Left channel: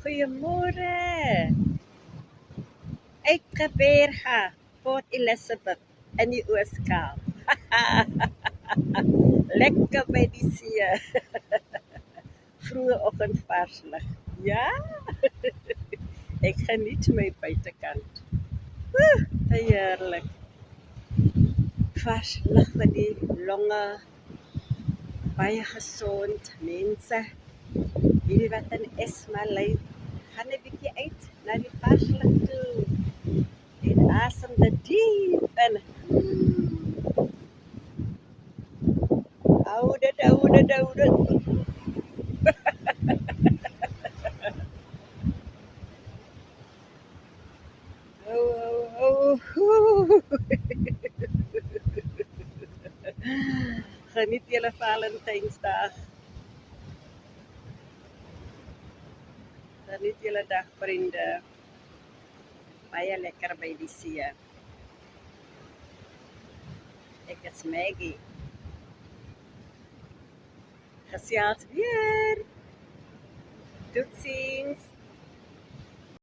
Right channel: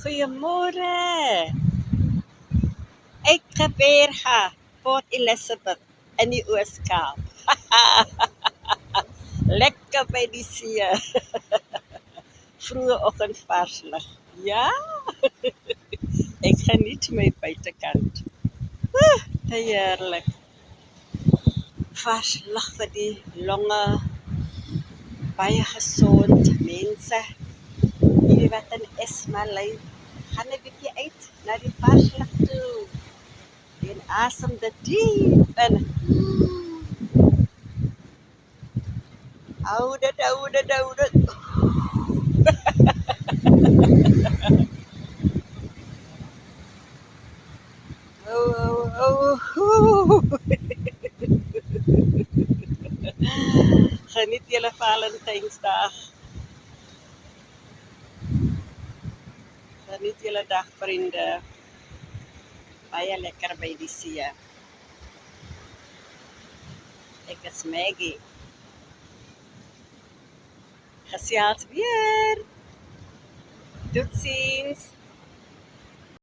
Goeiemôre. Ek Gqeberha, Port Elizabeth in die Oos-Kaap. Lekker by die see. Vroeë oggend vars lig. Ja, ek geniet my buitekant. Te heerlik. Vars lig vir die longe, baie gesond mense. Hierdie wat in Esma lê, gaan 'n bietjie uit na die vars lig toe. En asem dit diep in. Hou dit. Oh. Geniet julle Valentynsdag. Geniet julle dag, vriende. Baie lekker by die see. Ek is Maggie. Gesels weer. Totsiens.